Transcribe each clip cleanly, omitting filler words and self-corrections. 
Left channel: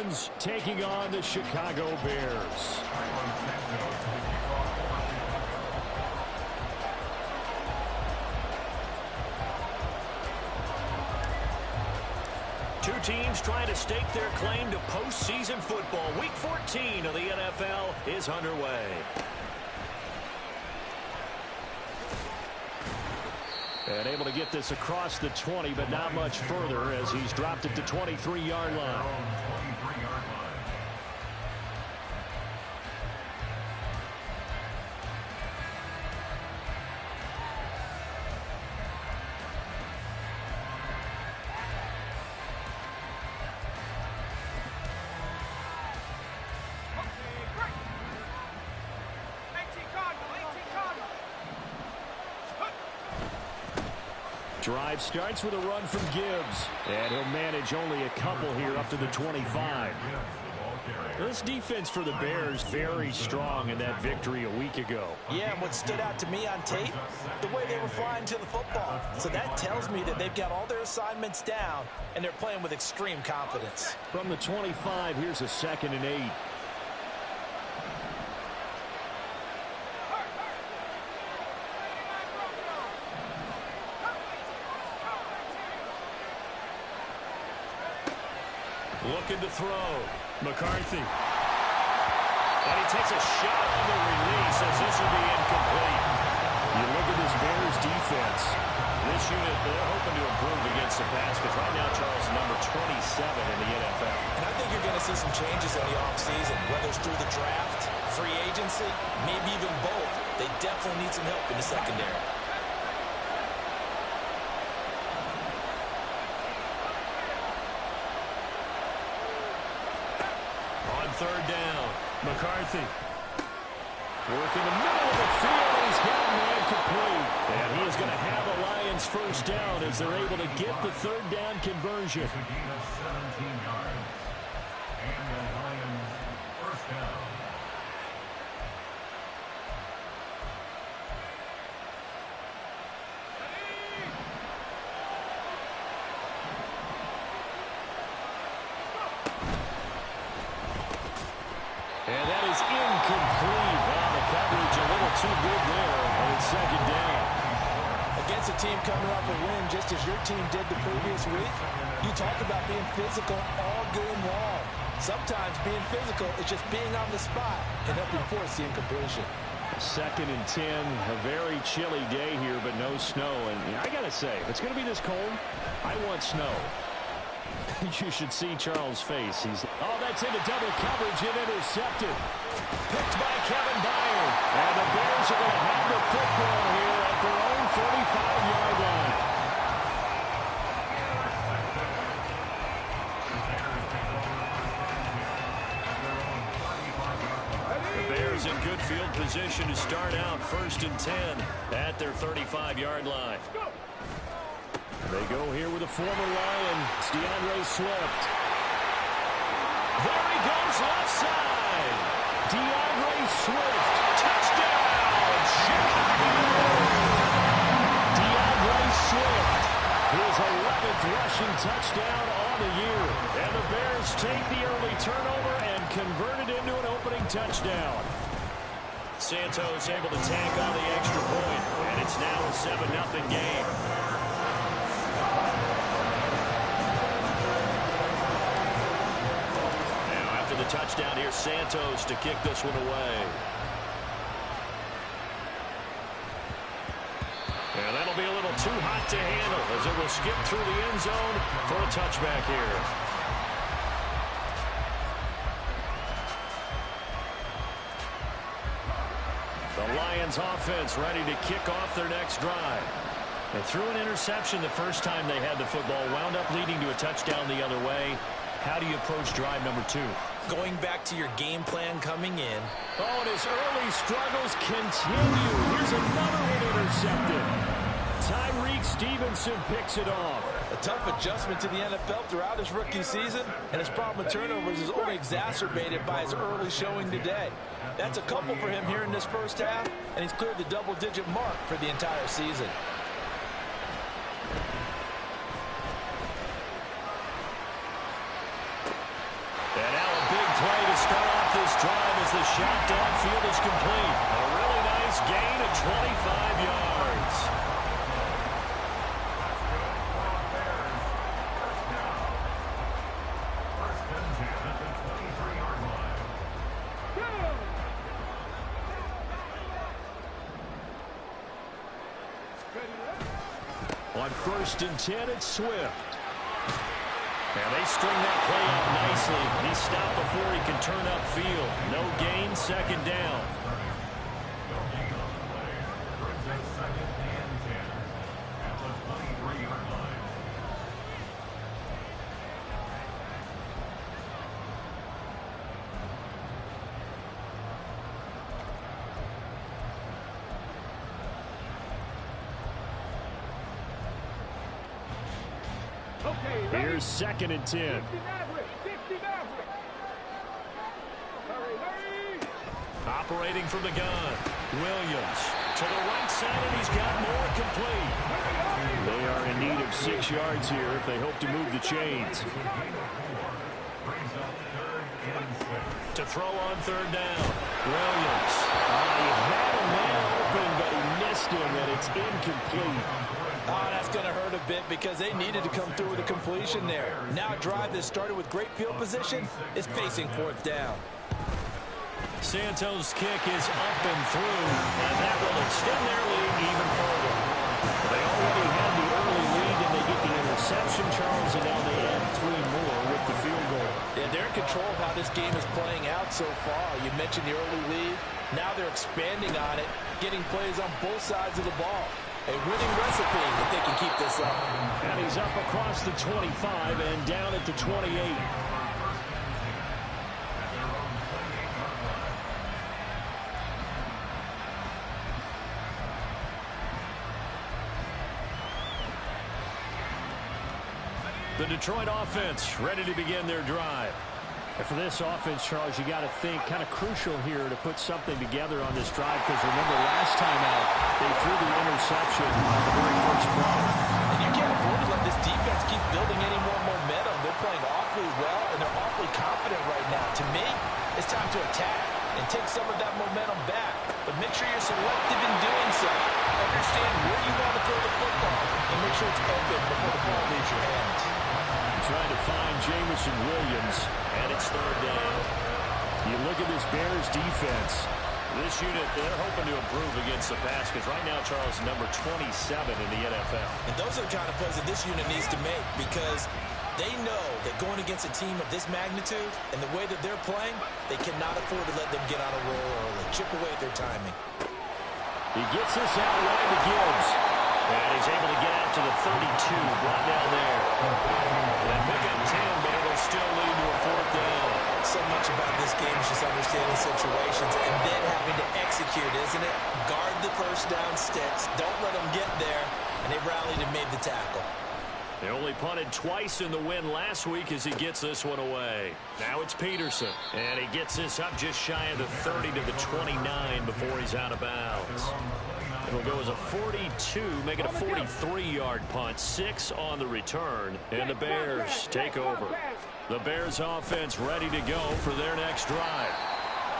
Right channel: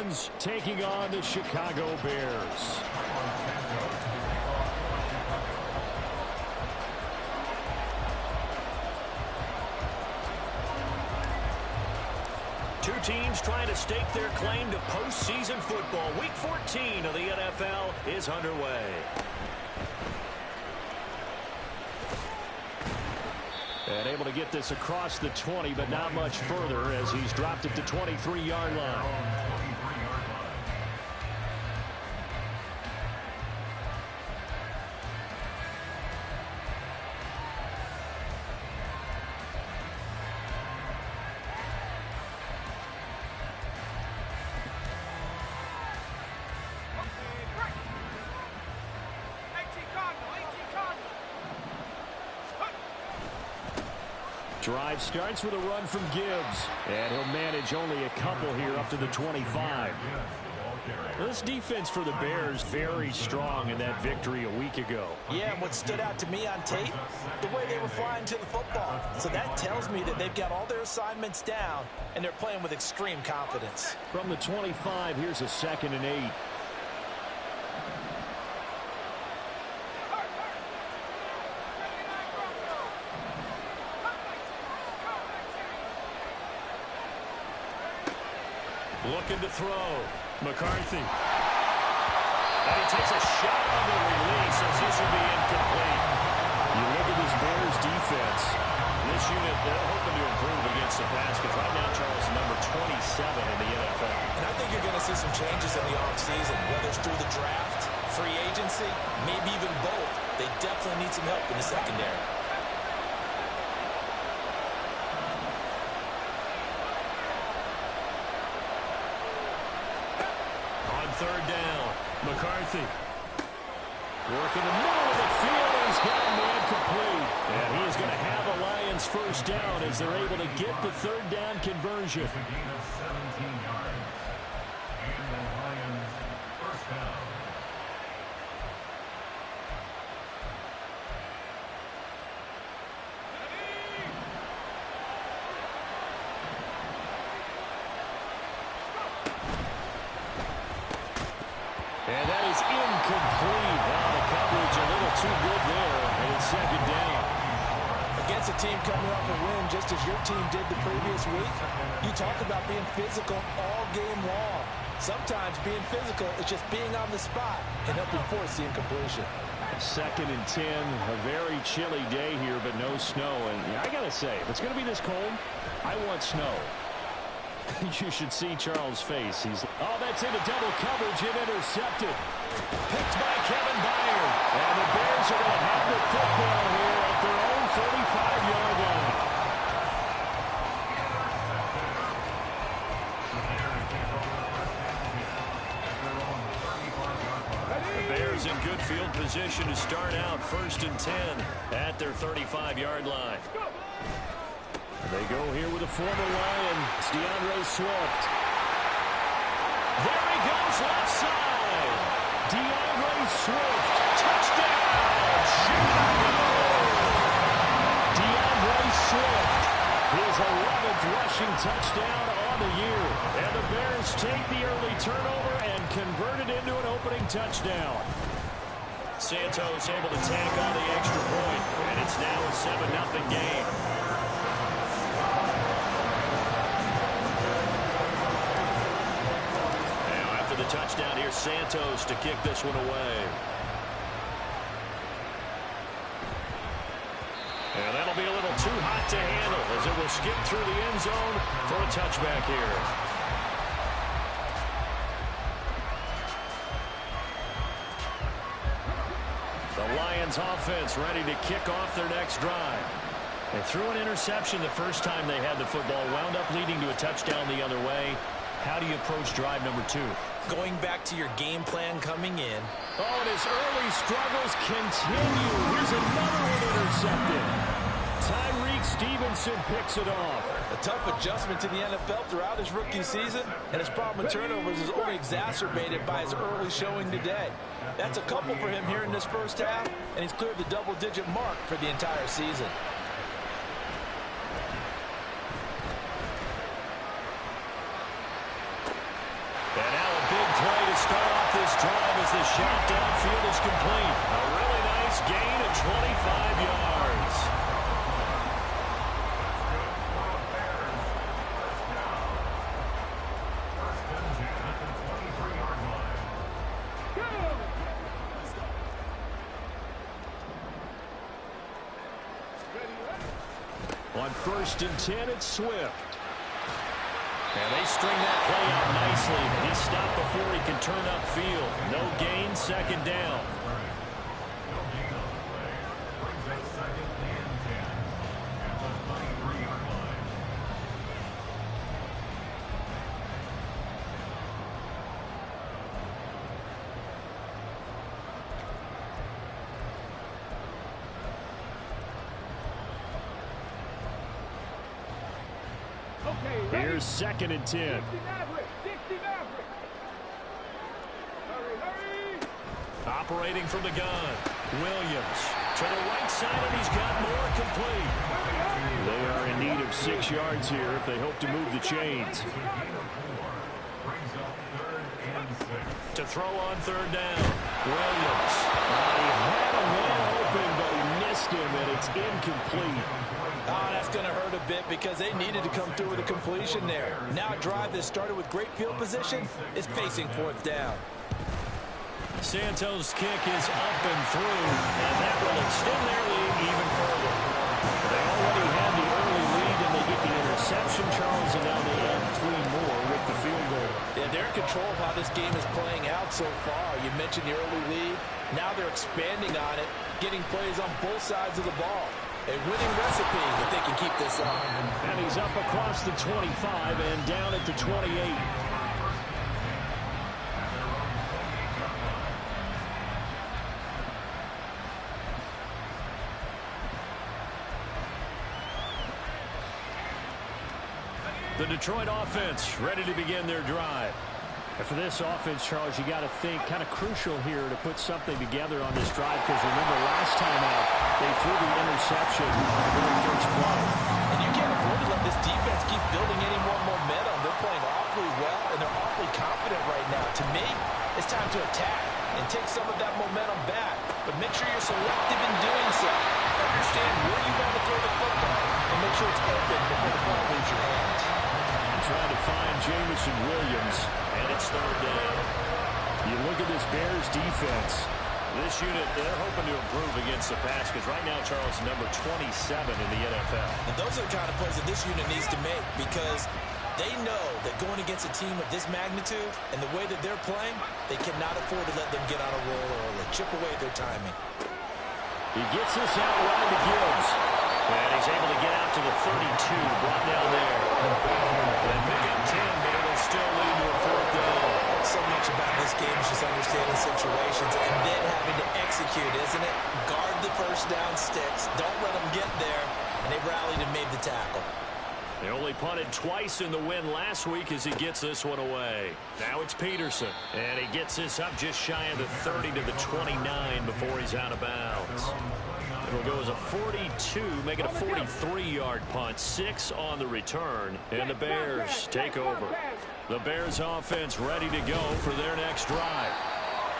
Lions taking on the Chicago Bears. Two teams trying to stake their claim to postseason football. Week 14 of the NFL is underway. And able to get this across the 20, but not much further as he's dropped it to 23-yard line. Drive starts with a run from Gibbs, and he'll manage only a couple here up to the 25. This defense for the Bears very strong in that victory a week ago. Yeah, and what stood out to me on tape, the way they were flying to the football. So that tells me that they've got all their assignments down, and they're playing with extreme confidence. From the 25, here's a 2nd and 8. Looking to throw. McCarthy. And he takes a shot on the release as this will be incomplete. You look at this Bears defense. This unit, they're hoping to improve against the pass because right now, Charles, number 27 in the NFL. And I think you're going to see some changes in the offseason, whether it's through the draft, free agency, maybe even both. They definitely need some help in the secondary. Third down. McCarthy. Work in the middle of the field, and he's got a man complete. And he is going to have a Lions first down as they're able to get the third down conversion. It's a gain of 17 yards. And the Lions first down. And that is incomplete. Now the coverage a little too good there, and it's 2nd down. Against a team coming off a win, just as your team did the previous week, you talk about being physical all game long. Sometimes being physical is just being on the spot and helping force the incompletion. 2nd and 10, a very chilly day here, but no snow. And I got to say, if it's going to be this cold, I want snow. You should see Charles' face. Oh, that's into double coverage and intercepted. Picked by Kevin Byard. And the Bears are going to have the football here at their own 35-yard line. The Bears in good field position to start out 1st and 10 at their 35-yard line. They go here with a former Lion. It's DeAndre Swift. There he goes left side. DeAndre Swift. Touchdown, Chicago. DeAndre Swift. His 11th rushing touchdown on the year. And the Bears take the early turnover and convert it into an opening touchdown. Santos able to tack on the extra point. And it's now a 7-0 game. The touchdown here, Santos to kick this one away. And that'll be a little too hot to handle as it will skip through the end zone for a touchback here. The Lions offense ready to kick off their next drive. They threw an interception the first time they had the football, wound up leading to a touchdown the other way. How do you approach drive number 2? Going back to your game plan coming in. Oh, and his early struggles continue. Here's another one intercepted. Tyreek Stevenson picks it off. A tough adjustment to the NFL throughout his rookie season, and his problem with turnovers is only exacerbated by his early showing today. That's a couple for him here in this first half, and he's cleared the double-digit mark for the entire season. And play to start off this drive as the shot downfield is complete. A really nice gain of 25 yards. On 1st and 10, it's Swift. And they string that play out nicely. He's stopped before he can turn upfield. No gain, 2nd down. No gain on the play. Brings us 2nd and 10 at the 23-yard line. Here's 2nd and 10. Operating from the gun. Williams to the right side, and he's got more complete. They are in need of 6 yards here if they hope to move the chains. Brings up 3rd and 6. To throw on 3rd down. Williams. He had a man open, but he missed him, and it's incomplete. Oh, that's going to hurt a bit because they needed to come through with a completion there. Now a drive that started with great field position is facing 4th down. Santos' kick is up and through, and that will extend their lead even further. They already had the early lead, and they get the interception, Charles, and now they add 3 more with the field goal. Yeah, they're in control of how this game is playing out so far. You mentioned the early lead. Now they're expanding on it, getting plays on both sides of the ball. A winning recipe if they can keep this up. And he's up across the 25 and down at the 28. The Detroit offense ready to begin their drive. And for this offense, Charles, you got to think kind of crucial here to put something together on this drive, because remember last time out they threw the interception on the very first play. And you can't afford to let this defense keep building any more momentum. They're playing awfully well, and they're awfully confident right now. To me, it's time to attack and take some of that momentum back. But make sure you're selective in doing so. Understand where you want to throw the football and make sure it's open before the ball leaves your hands. Trying to find Jamison Williams, and it's 3rd down. You look at this Bears defense. This unit, they're hoping to improve against the pass, because right now, Charles, number 27 in the NFL. And those are the kind of plays that this unit needs to make, because they know that going against a team of this magnitude and the way that they're playing, they cannot afford to let them get on a roll early. Chip away at their timing. He gets this out wide to Gibbs. And he's able to get out to the 32, brought down there. They pick up 10, but it'll still lead to a 4th down. So much about this game is just understanding situations and then having to execute, isn't it? Guard the 1st down sticks. Don't let them get there. And they rallied and made the tackle. They only punted twice in the win last week as he gets this one away. Now it's Peterson. And he gets this up just shy of the 30 to the 29 before he's out of bounds. It'll go as a 42, make it a 43-yard punt, 6 on the return, and the Bears take over. The Bears offense ready to go for their next drive.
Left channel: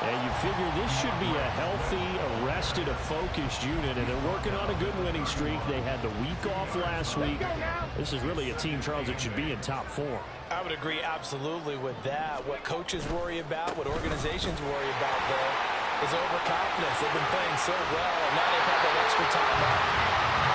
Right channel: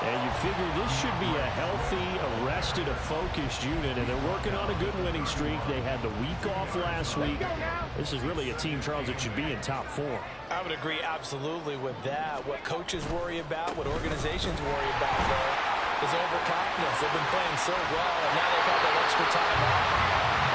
And you figure this should be a healthy, arrested, a focused unit, and they're working on a good winning streak. They had the week off last week. This is really a team, Charles, that should be in top form. I would agree absolutely with that. What coaches worry about, what organizations worry about, though, is overconfidence. They've been playing so well, and now they've had that extra time off.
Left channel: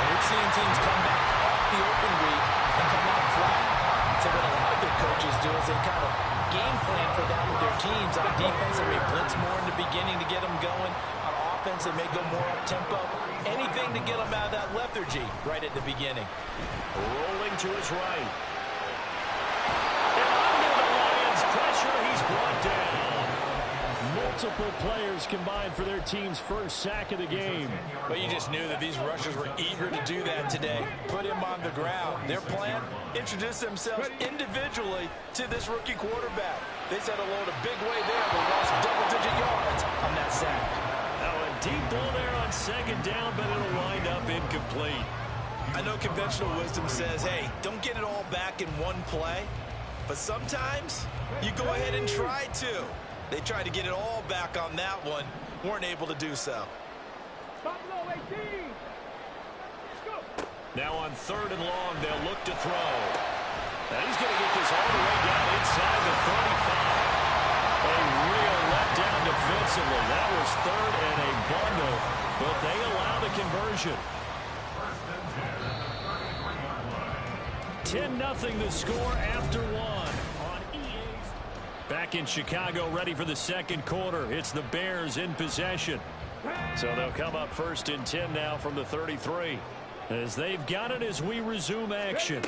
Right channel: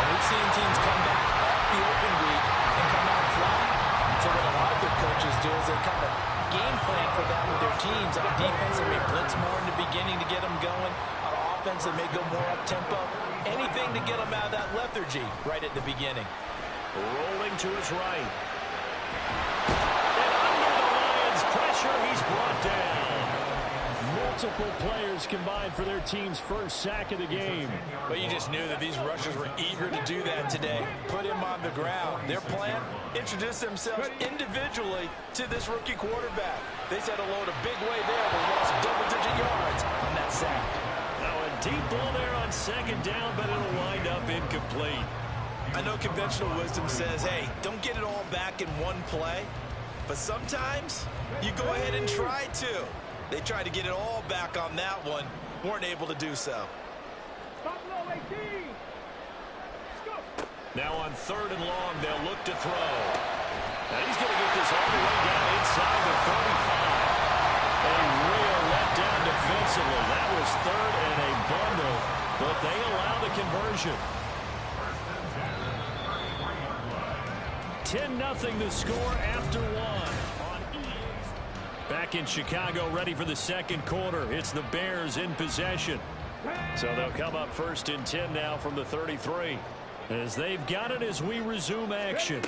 And we've seen teams come back off the open week and come out flat. So what a lot of good coaches do is they kind of game plan for that with their teams. On defense, they may blitz more in the beginning to get them going. On offense, they may go more up-tempo. Anything to get them out of that lethargy right at the beginning. Rolling to his right. And under the Lions' pressure, he's brought down. Multiple players combined for their team's first sack of the game. But you just knew that these rushers were eager to do that today. Put him on the ground. Their plan, introduce themselves individually to this rookie quarterback. They said hello in a big way there. They lost double-digit yards on that sack. Now a deep ball there on 2nd down, but it'll wind up incomplete. I know conventional wisdom says, hey, don't get it all back in one play. But sometimes You go ahead and try to. They tried to get it all back on that one. Weren't able to do so. Now on 3rd and long, they'll look to throw. Now he's going to get this all the way down inside the 35. A real letdown defensively. That was 3rd and a bundle, but they allow the conversion. 10-0 the score after one on EA's. Back in Chicago, ready for the second quarter. It's the Bears in possession. So they'll come up 1st and 10 now from the 33. As they've got it as we resume action.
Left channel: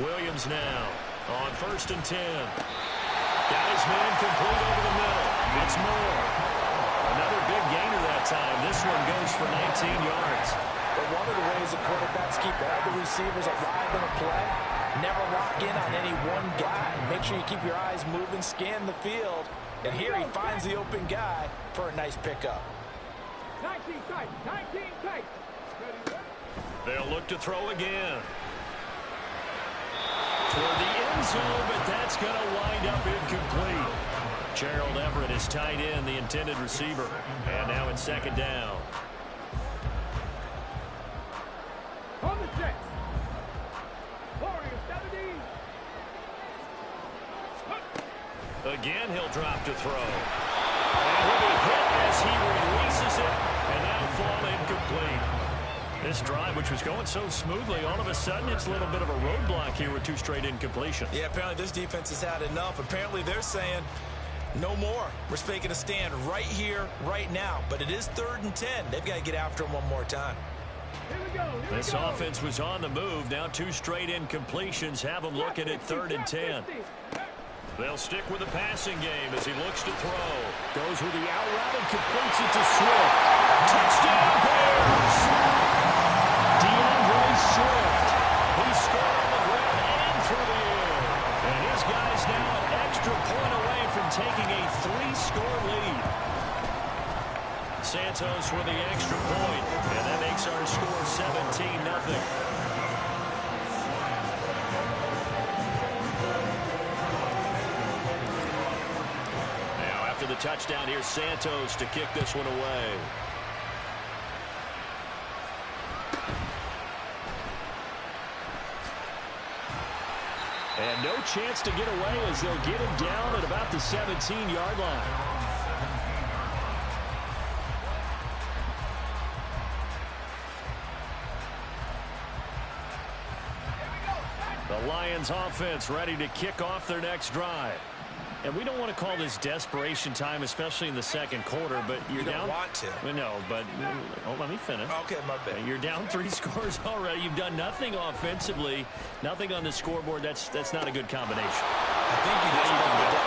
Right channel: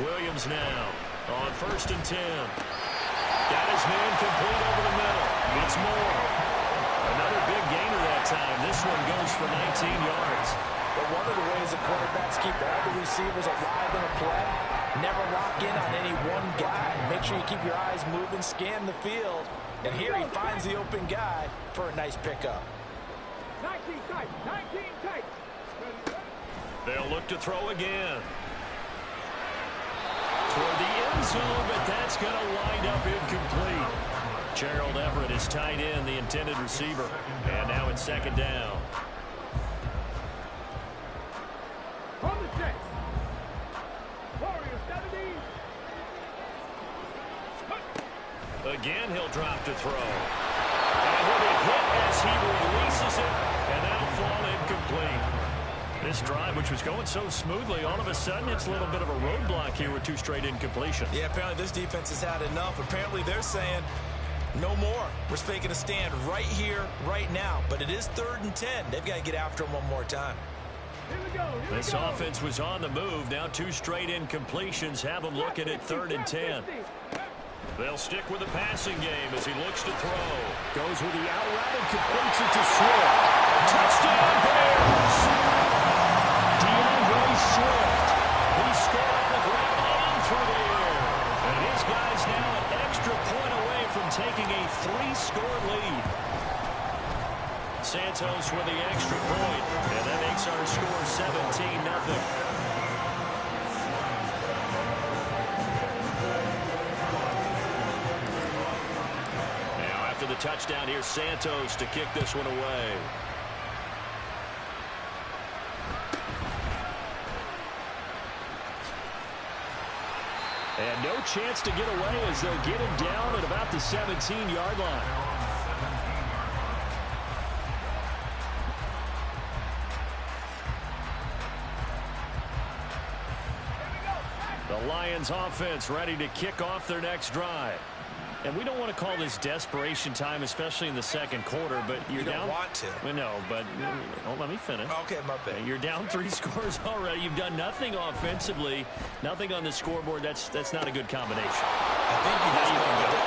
Williams now on 1st and 10. Got his man complete over the middle. It's Moore. Another big gainer that time. This one goes for 19 yards. But one of the ways the quarterbacks keep all the receivers alive in a play, never lock in on any one guy. Make sure you keep your eyes moving, scan the field. And here he finds the open guy for a nice pickup. 19 tight, 19 tight. They'll look to throw again. Toward the end zone, but that's going to wind up incomplete. Gerald Everett is tight end, the intended receiver. And now it's 2nd down. On the set. Warriors 70. Again, he'll drop to throw. And he'll be hit as he releases it, and that'll fall incomplete. This drive, which was going so smoothly, all of a sudden it's a little bit of a roadblock here with 2 straight incompletions. Yeah, apparently this defense has had enough. Apparently they're saying no more. We're making a stand right here, right now. But it is 3rd and 10. They've got to get after him one more time. Here we go. This offense was on the move. Now 2 straight incompletions have them looking at 3rd and 10. They'll stick with the passing game as he looks to throw. Goes with the out route and completes it to Swift. Touchdown, Bears! DeAndre Swift. He scored on the ground and through the air. And his guy's now an extra point away from taking a 3-score lead. Santos with the extra point, and that makes our score 17-0. After the touchdown, here's Santos to kick this one away. And no chance to get away as they'll get him down at about the 17-yard line. The Lions offense ready to kick off their next drive. And we don't want to call this desperation time, especially in the second quarter, but you're down. You don't want to. No, but let me finish. Okay, my bad. You're down 3 scores already. You've done nothing offensively, nothing on the scoreboard. That's not a good combination. I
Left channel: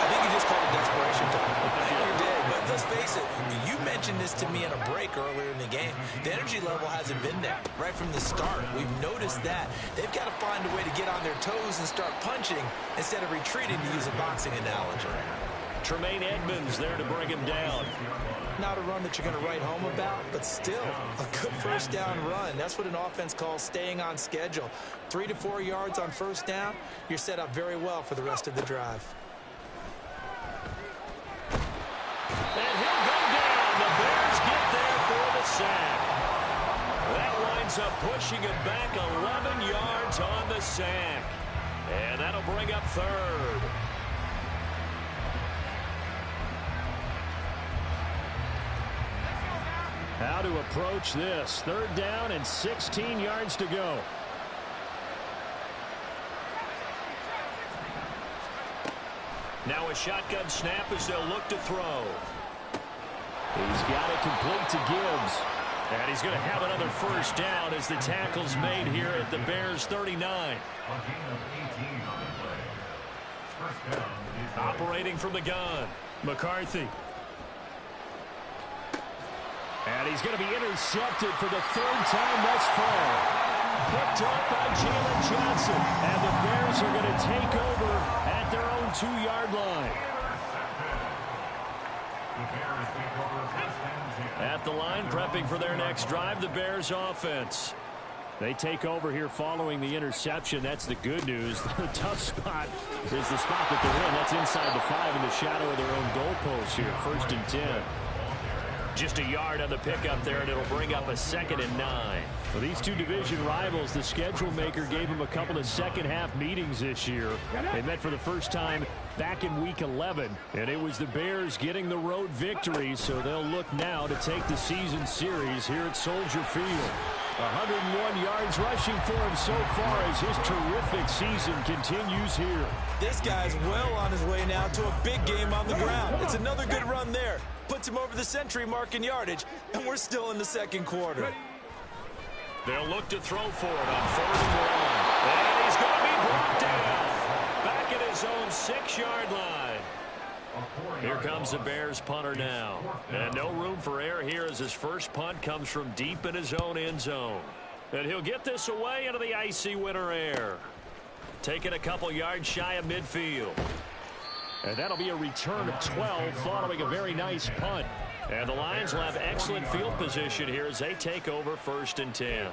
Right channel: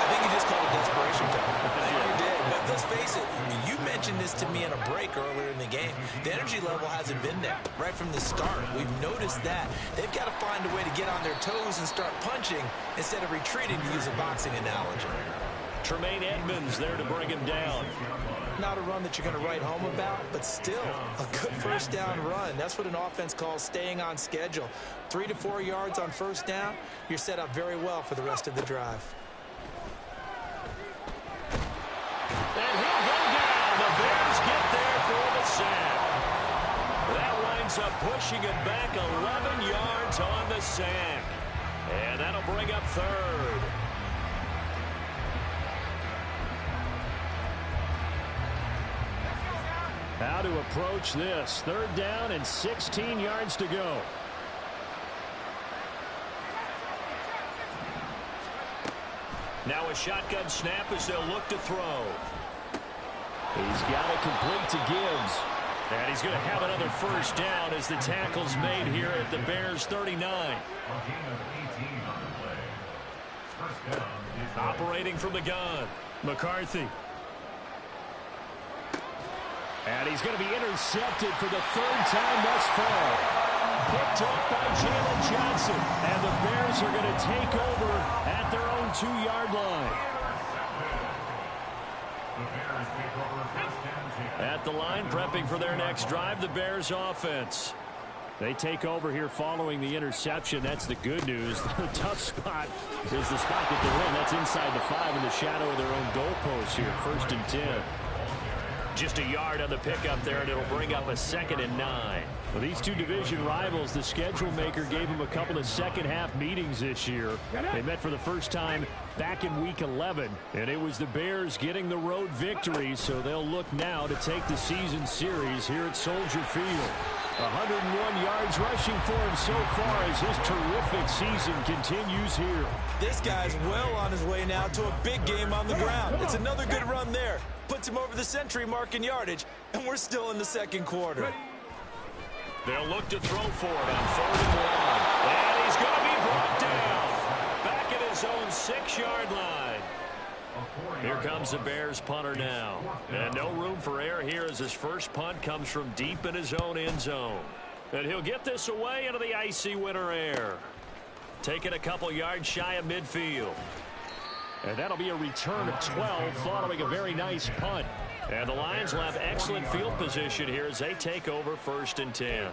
think you just called it desperation time. I think you did. But let's face it, you mentioned this to me in a break earlier in the game. The energy level hasn't been there right from the start. We've noticed that. They've got to find a way to get on their toes and start punching instead of retreating, to use a boxing analogy. Tremaine Edmonds there to bring him down. Not a run that you're going to write home about, but still a good 1st down run. That's what an offense calls staying on schedule. 3 to 4 yards on 1st down, you're set up very well for the rest of the drive. And he'll go down. The Bears get there for the sack. That winds up pushing it back 11 yards on the sack. And that'll bring up 3rd. How to approach this. 3rd down and 16 yards to go. Now a shotgun snap as they'll look to throw. He's got it complete to Gibbs. And he's going to have another 1st down as the tackle's made here at the Bears 39. A gain of 18 on the play. 1st down. Operating from the gun, McCarthy. And he's going to be intercepted for the 3rd time thus far. Picked off by Jalen Johnson. And the Bears are going to take over at their own 2-yard line. The Bears take over 1st and 10. At the line, prepping for their next drive, the Bears offense. They take over here following the interception. That's the good news. The tough spot is the spot that they're in. That's inside the 5 in the shadow of their own goalpost here. 1st and 10. Just a yard on the pickup there, and it'll bring up a 2nd and 9. Well, these two division rivals, the schedule maker gave them a couple of second-half meetings this year. They met for the first time back in Week 11, and it was the Bears getting the road victory, so they'll look now to take the season series here at Soldier Field. 101 yards rushing for him so far as his terrific season continues here. This guy's well on his way now to a big game on the ground. It's another good run there. Puts him over the century mark in yardage, and we're still in the 2nd quarter. They'll look to throw for it on 3rd and 1. And he's going to be brought down. Back at his own 6-yard line. Here comes the Bears punter now. And no room for error here as his first punt comes from deep in his own end zone. And he'll get this away into the icy winter air. Taking a couple yards shy of midfield. And that'll be a return of 12 following a very nice punt. And the Lions will have excellent field position here as they take over 1st and 10.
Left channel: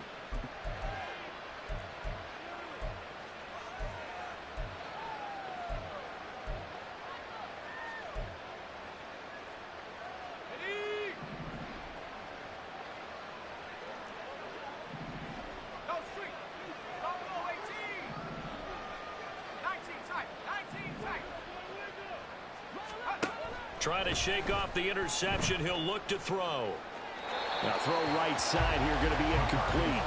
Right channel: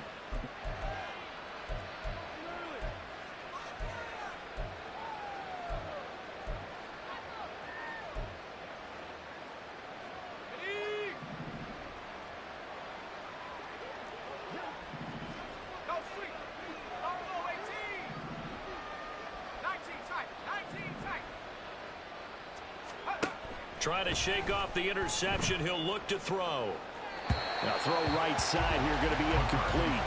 Trying to shake off the interception. He'll look to throw. Now throw right side here, going to be incomplete.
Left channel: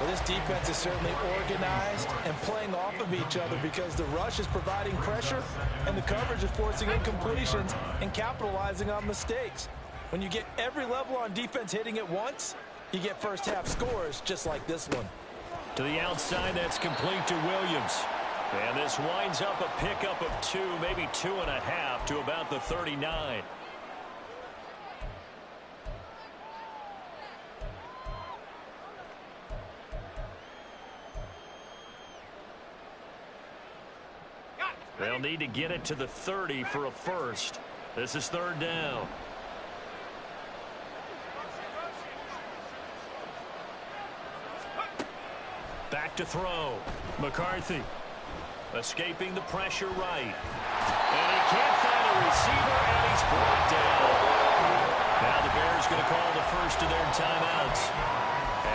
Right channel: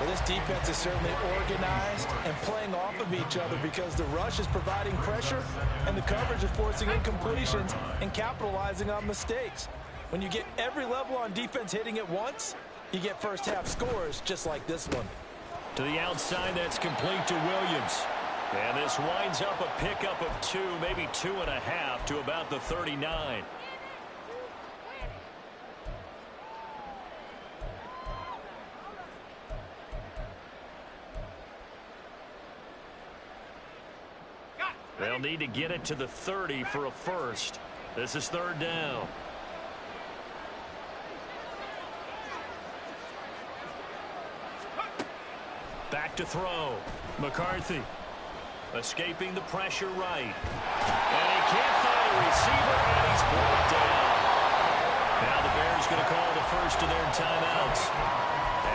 Well, this defense is certainly organized and playing off of each other because the rush is providing pressure and the coverage is forcing incompletions and capitalizing on mistakes. When you get every level on defense hitting at once, you get first half scores just like this one. To the outside, that's complete to Williams. And this winds up a pickup of 2, maybe 2.5 to about the 39. They'll need to get it to the 30 for a first. This is 3rd down. Back to throw. McCarthy. Escaping the pressure right. And he can't find a receiver, and he's brought down. Now the Bears going to call the first of their timeouts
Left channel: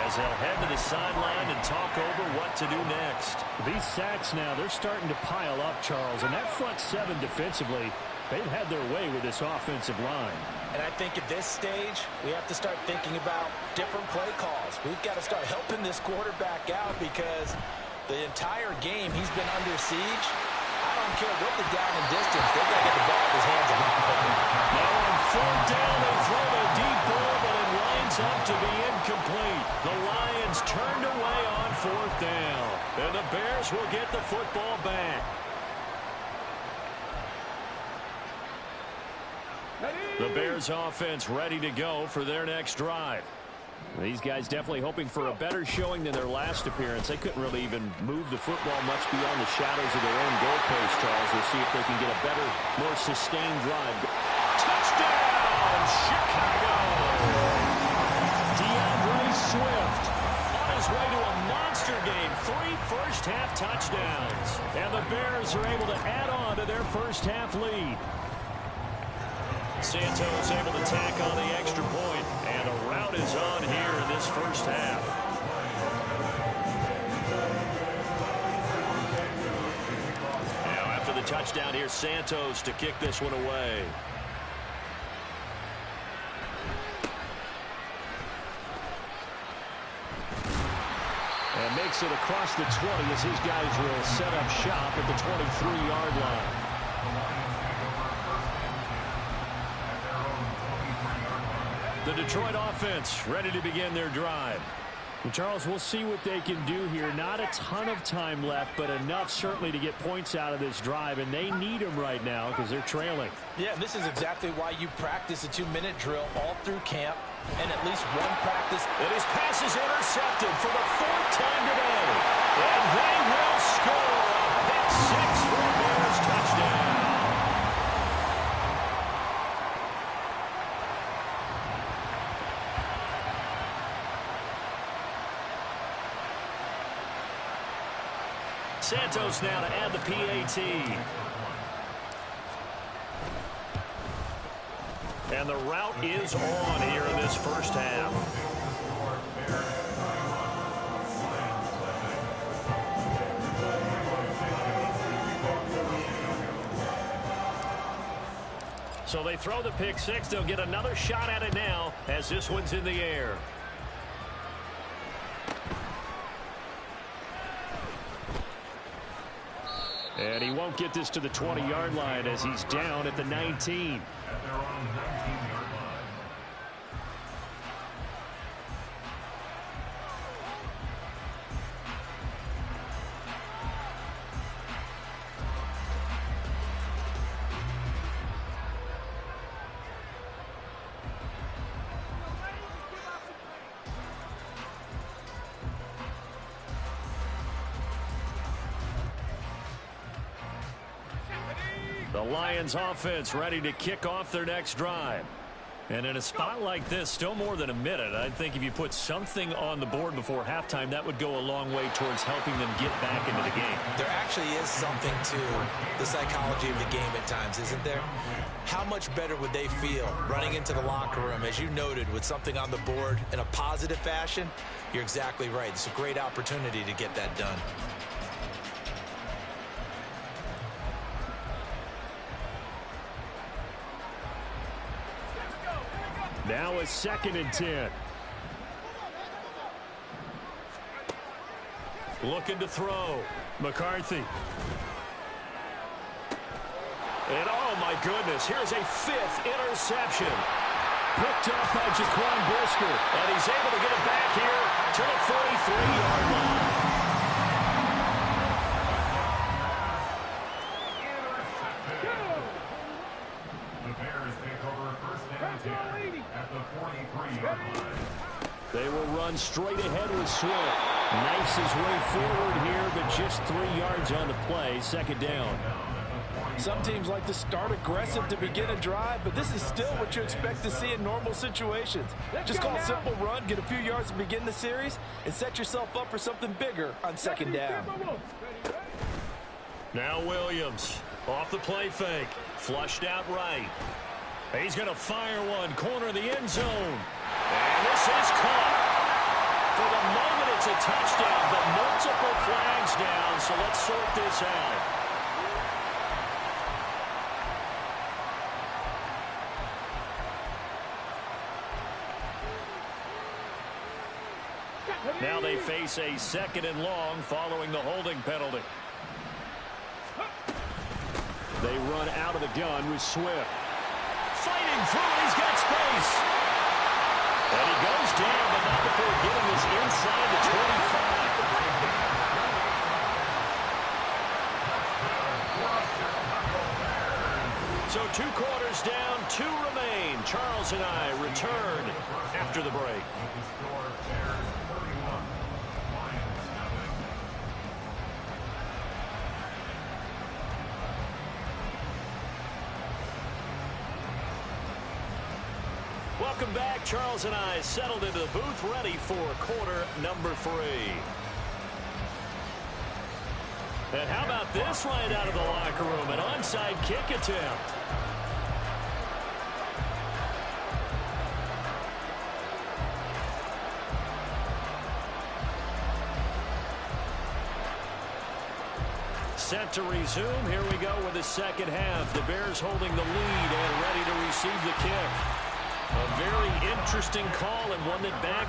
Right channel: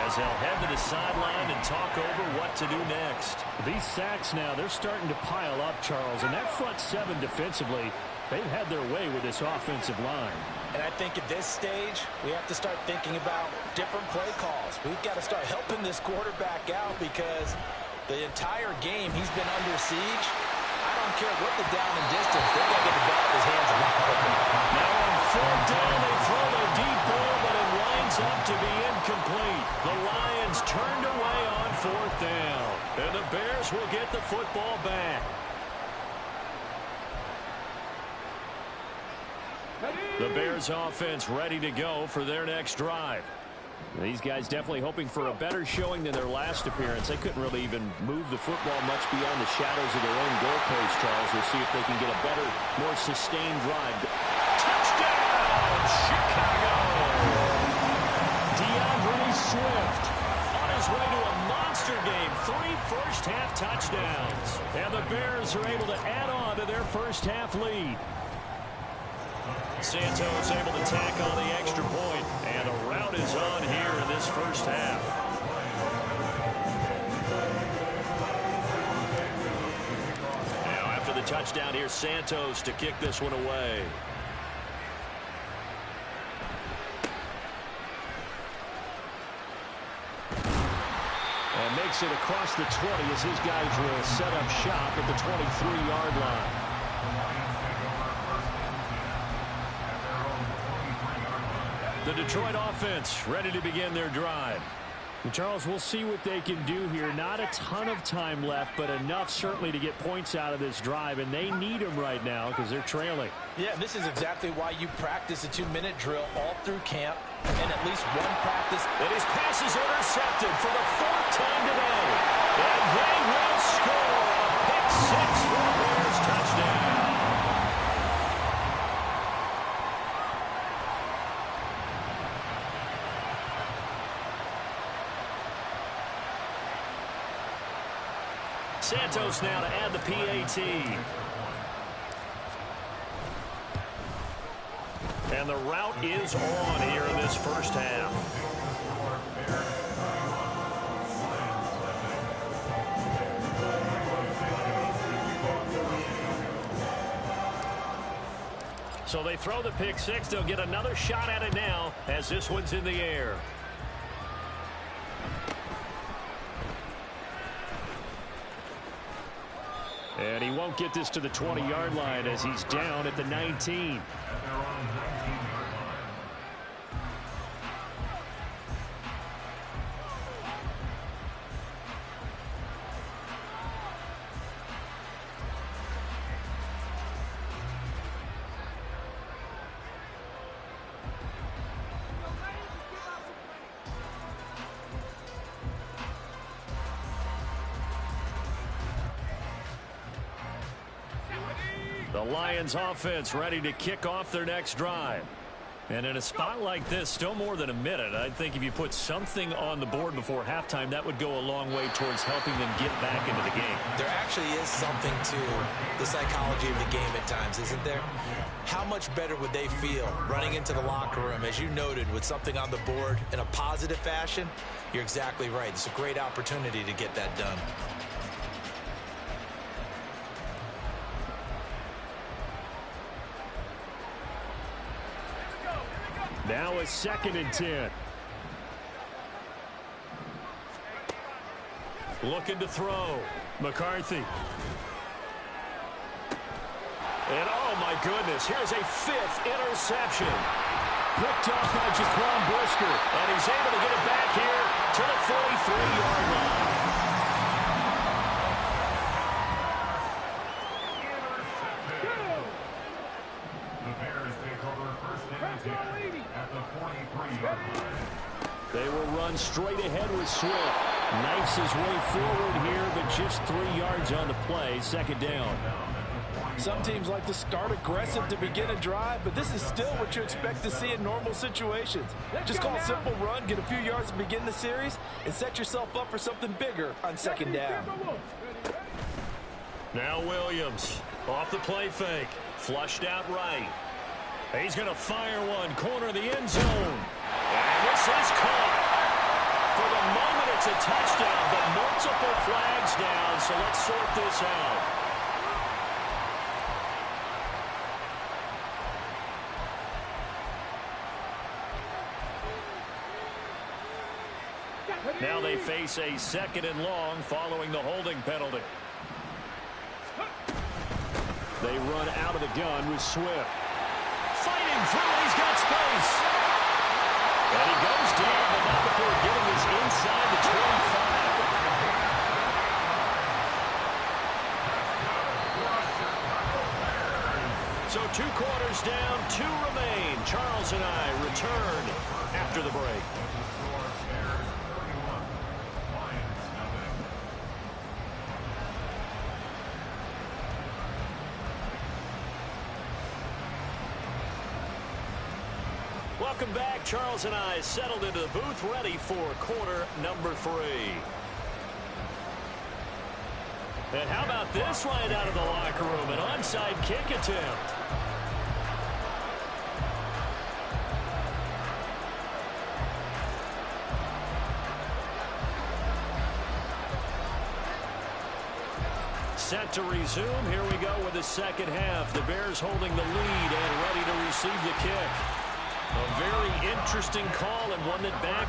as they'll head to the sideline and talk over what to do next. These sacks now, they're starting to pile up, Charles, and that front 7 defensively, they've had their way with this offensive line. And I think at this stage, we have to start thinking about different play calls. We've got to start helping this quarterback out because the entire game he's been under siege. I don't care what the down and distance. They've got to get the ball in his hands a lot quicker. Now on 4th down, they throw the deep ball, but it winds up to be incomplete. The Lions turned away on 4th down. And the Bears will get the football back. The Bears offense ready to go for their next drive. These guys definitely hoping for a better showing than their last appearance. They couldn't really even move the football much beyond the shadows of their own goalpost, Charles. We'll see if they can get a better, more sustained drive. Touchdown, Chicago! DeAndre Swift on his way to a monster game. 3 first-half touchdowns. And the Bears are able to add on to their first-half lead. Santos able to tack on the extra point, and a rout is on here in this first half. Now after the touchdown, here's Santos to kick this one away. And makes it across the 20 as his guys will set up shop at the 23-yard line. The Detroit offense ready to begin their drive. And Charles, we'll see what they can do here. Not a ton of time left, but enough certainly to get points out of this drive, and they need them right now because they're trailing. Yeah, this is exactly why you practice a 2-minute drill all through camp and at least one practice. And his pass is intercepted for the 4th time today. And they will score a pick 6 for a Bears touchdown. Santos now to add the PAT. And the route is on here in this first half. So they throw the pick six. They'll get another shot at it now as this one's in the air. And he won't get this to the 20-yard line as he's down at the 19. At their own 19-yard line. The Lions offense ready to kick off their next drive. And in a spot like this, still more than a minute, I think if you put something on the board before halftime, that would go a long way towards helping them get back into the game. There actually is something to the psychology of the game at times, isn't there? How much better would they feel running into the locker room, as you noted, with something on the board in a positive fashion? You're exactly right. It's a great opportunity to get that done. Now a 2nd and 10. Looking to throw. McCarthy. And oh my goodness, here's a 5th interception. Picked off by Jaquan Brisker. And he's able to get it back here to the 43-yard line. The Bears take over first and 10 at the 43-yard line. They will run straight ahead with Swift. Knifes his way forward here, but just 3 yards on the play. 2nd down. Some teams like to start aggressive to begin a drive, but this is still what you expect to see in normal situations. Just call a simple run, get a few yards to begin the series, and set yourself up for something bigger on 2nd down. Now Williams off the play fake. Flushed out right. He's going to fire one. Corner of the end zone. And this is caught. For the moment, it's a touchdown, but multiple flags down, so let's sort this out. Now they face a 2nd and long following the holding penalty. They run out of the gun with Swift. Fighting through, he's got space. And he goes down, but not before getting his inside the 25. So 2 quarters down, 2 remain. Charles and I return after the break. Welcome back. Charles and I settled into the booth, ready for quarter number 3. And how about this right out of the locker room? An onside kick attempt. Set to resume. Here we go with the 2nd half. The Bears holding the lead and ready to receive the kick. A very interesting call, and one that back